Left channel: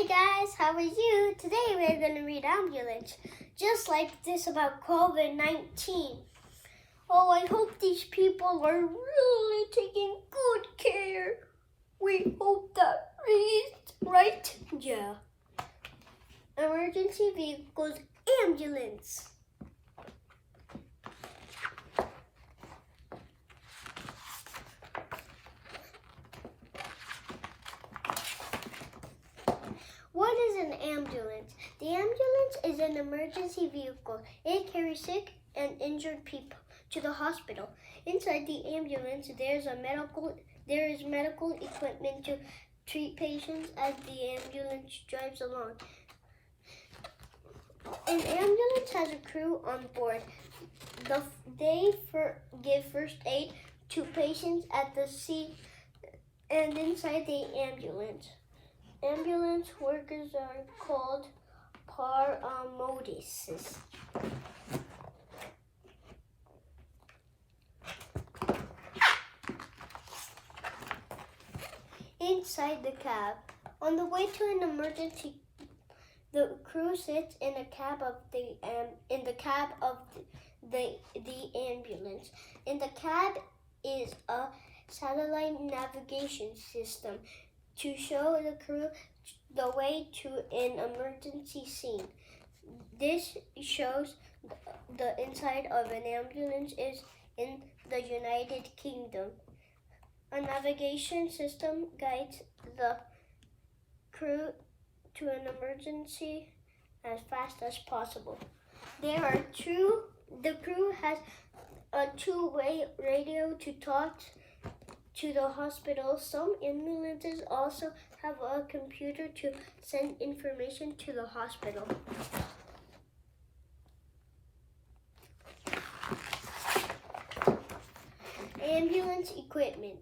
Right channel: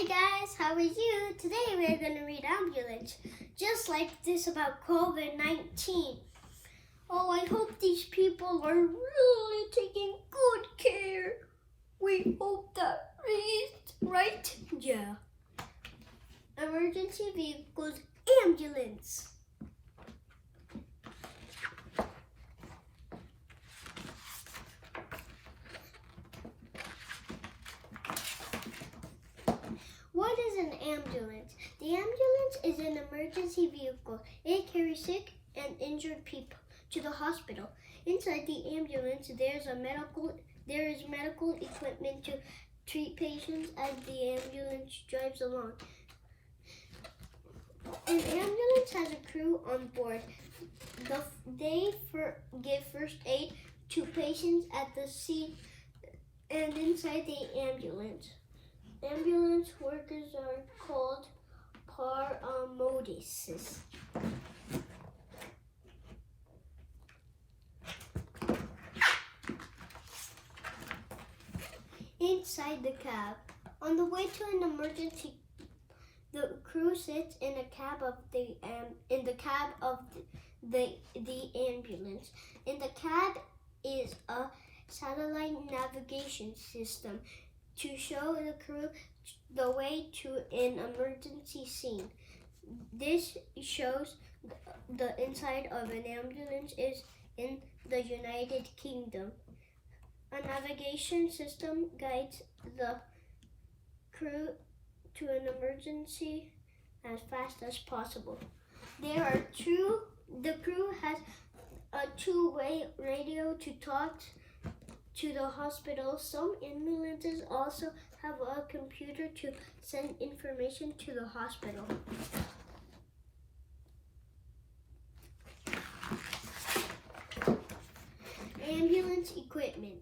Hi guys, how are you? Today we're going to read ambulance, just like this about COVID-19. Oh, I hope these people are really taking good care. We hope that is right. Yeah. Emergency vehicles, ambulance. What is an ambulance? The ambulance is an emergency vehicle. It carries sick and injured people to the hospital. Inside the ambulance, there is medical equipment to treat patients as the ambulance drives along. An ambulance has a crew on board. They give first aid to patients at the scene and inside the ambulance. Ambulance workers are called paramedics. Inside the cab. On the way to an emergency, the crew sits in the cab of the ambulance. In the cab is a satellite navigation system to show the crew the way to an emergency scene. This shows the inside of an ambulance is in the United Kingdom. A navigation system guides the crew to an emergency as fast as possible. The crew has a two-way radio to talk to the hospital. Some ambulances also have a computer to send information to the hospital. Ambulance equipment.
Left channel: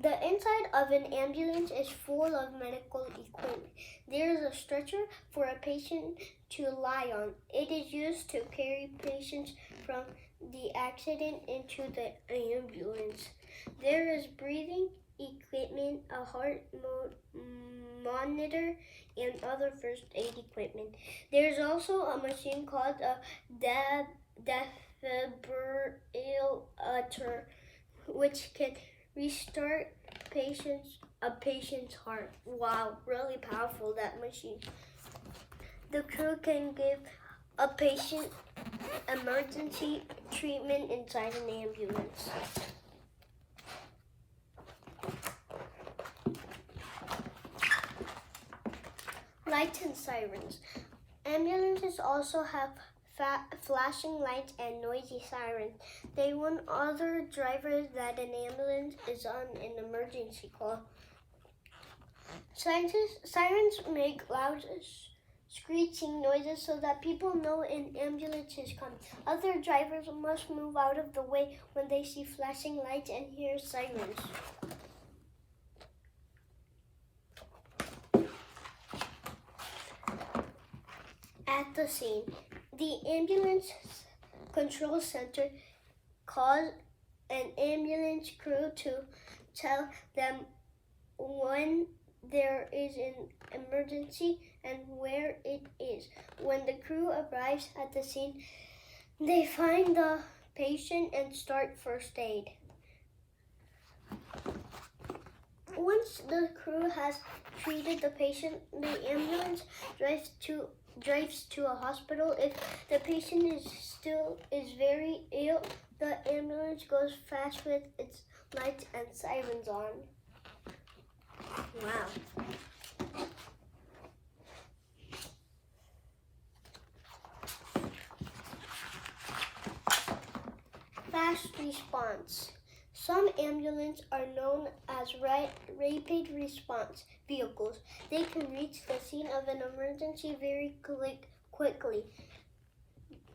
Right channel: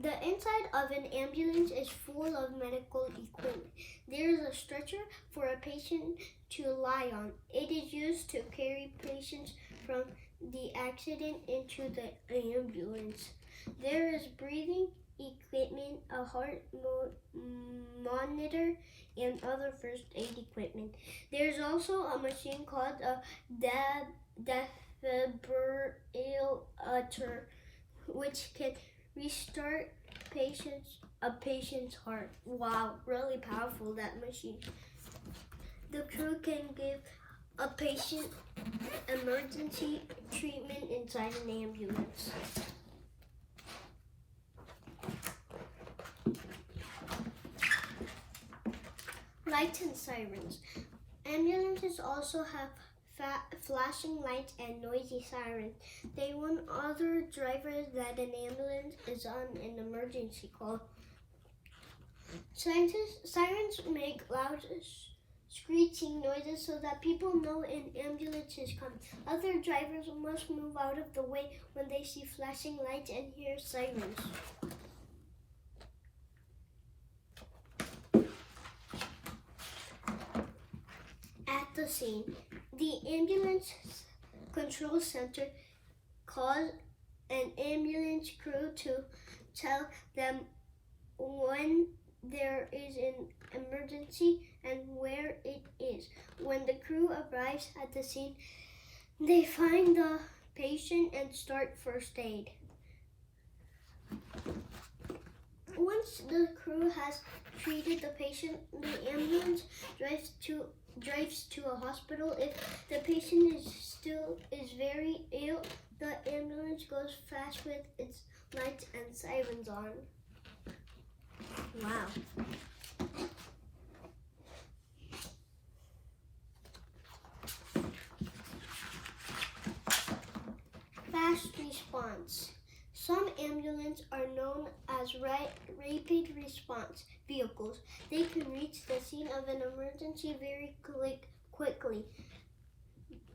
The inside of an ambulance is full of medical equipment. There is a stretcher for a patient to lie on. It is used to carry patients from the accident into the ambulance. There is breathing equipment, a heart monitor, and other first aid equipment. There is also a machine called a defibrillator, which can restart a patient's heart. Wow, really powerful, that machine. The crew can give a patient emergency treatment inside an ambulance. Lights and sirens. Ambulances also have flashing lights and noisy sirens. They warn other drivers that an ambulance is on an emergency call. Sirens make loud screeching noises so that people know an ambulance is coming. Other drivers must move out of the way when they see flashing lights and hear sirens. At the scene, the ambulance control center calls an ambulance crew to tell them when there is an emergency and where it is. When the crew arrives at the scene, they find the patient and start first aid. Once the crew has treated the patient, the ambulance drives to a hospital. If the patient is very ill, the ambulance goes fast with its lights and sirens on. Wow. Fast response. Some ambulances are known as rapid response vehicles. They can reach the scene of an emergency very quickly.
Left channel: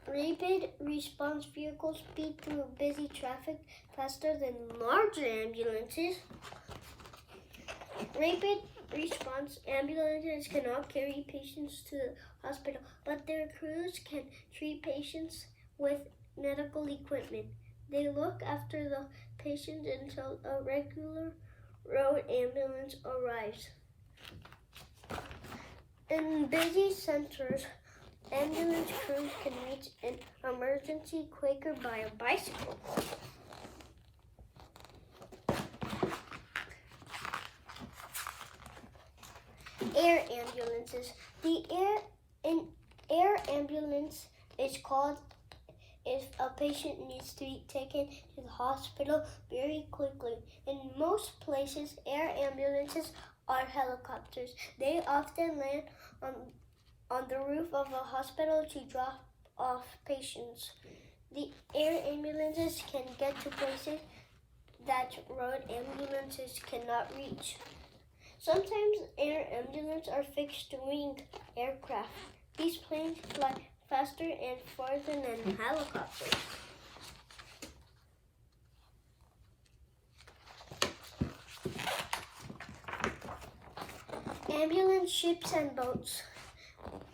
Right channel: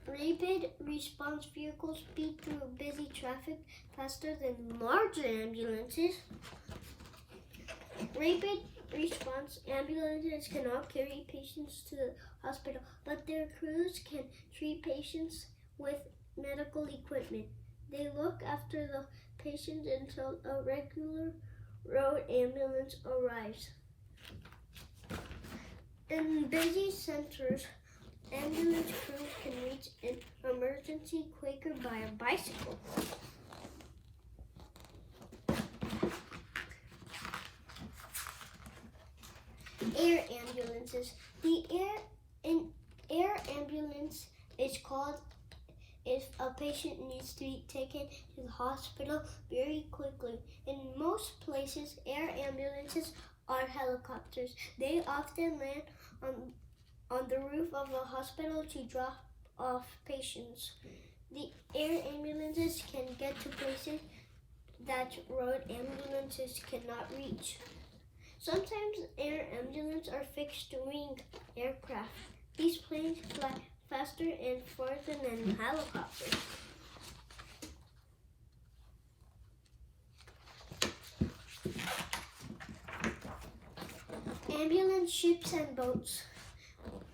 Rapid response vehicles speed through busy traffic faster than larger ambulances. Rapid response ambulances cannot carry patients to the hospital, but their crews can treat patients with medical equipment. They look after the patient until a regular road ambulance arrives. In busy centers, ambulance crews can reach an emergency quicker by a bicycle. Air ambulances. The air ambulance is called if a patient needs to be taken to the hospital very quickly. In most places, air ambulances are helicopters. They often land on the roof of a hospital to drop off patients. The air ambulances can get to places that road ambulances cannot reach. Sometimes air ambulances are fixed-wing aircraft. These planes fly faster and farther than helicopters. Ambulance ships and boats.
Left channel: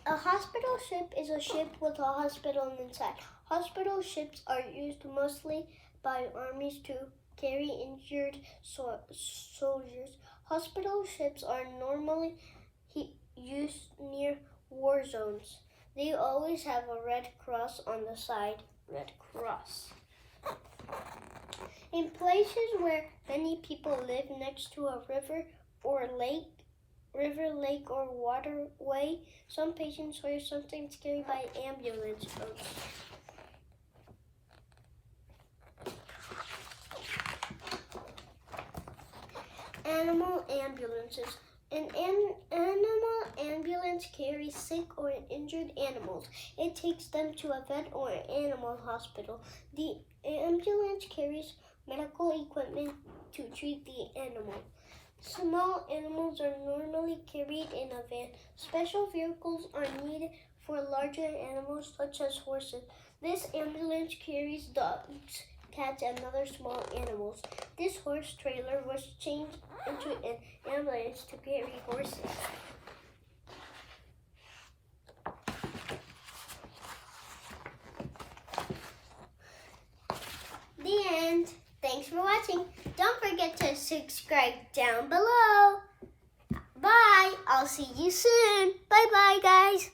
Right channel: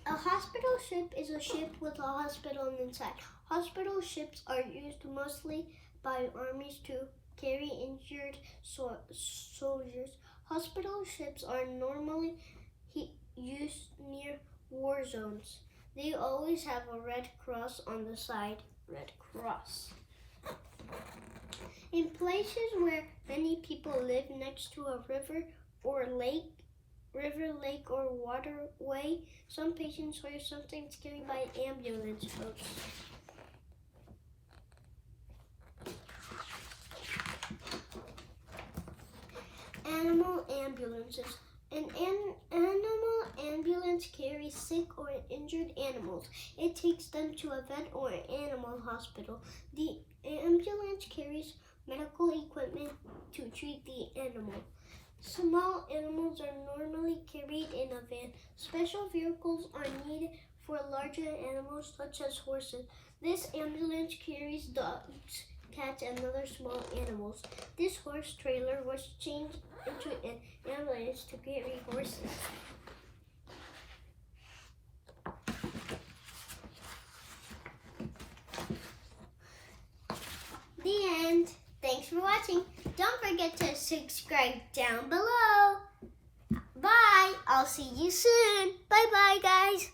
A hospital ship is a ship with a hospital inside. Hospital ships are used mostly by armies to carry injured soldiers. Hospital ships are normally used near war zones. They always have a red cross on the side. Red Cross. In places where many people live next to a river, lake, or waterway, some patients are sometimes carried by ambulance boats. Animal ambulances. An animal ambulance carries sick or injured animals. It takes them to a vet or animal hospital. The ambulance carries medical equipment to treat the animal. Small animals are normally carried in a van. Special vehicles are needed for larger animals such as horses. This ambulance carries dogs, cats, and other small animals. This horse trailer was changed into an ambulance to carry horses. The end. Thanks for watching. Don't forget to subscribe down below. Bye. I'll see you soon. Bye-bye, guys.